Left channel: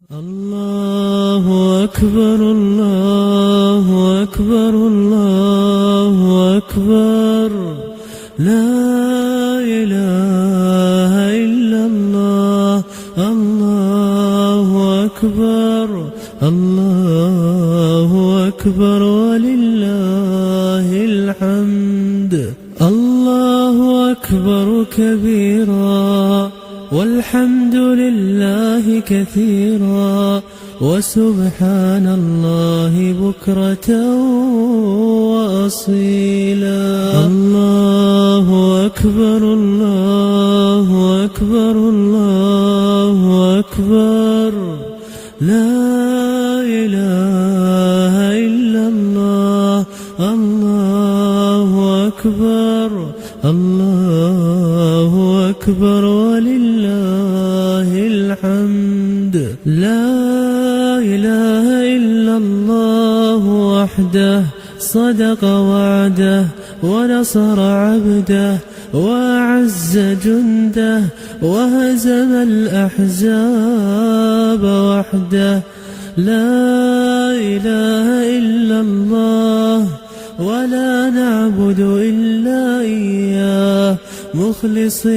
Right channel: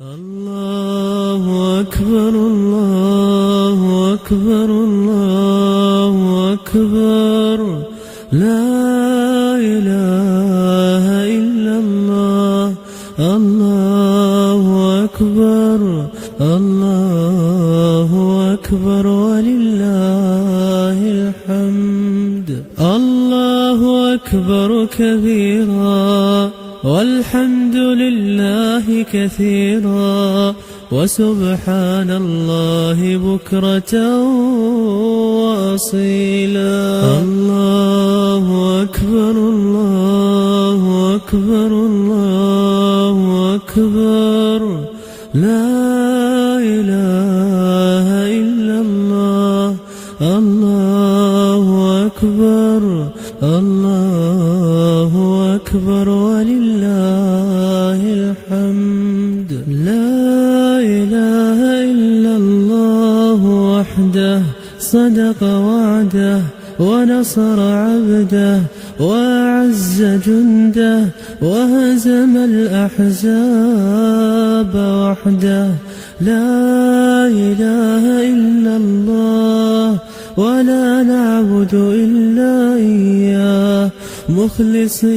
الله أكبر الله أكبر الله أكبر لا إله إلا الله الله أكبر الله أكبر ولله الحمد الله أكبر كبيرا والحمد لله كثيرا وسبحان الله بكرة وأصيلا الله أكبر الله أكبر الله أكبر لا إله إلا الله الله أكبر الله أكبر ولله الحمد لا إله إلا الله وحده صدق وعده ونصر عبده وأعز جنده وهزم الأحزاب وحده لا إله إلا الله ولا نعبد إلا إياه مخلصين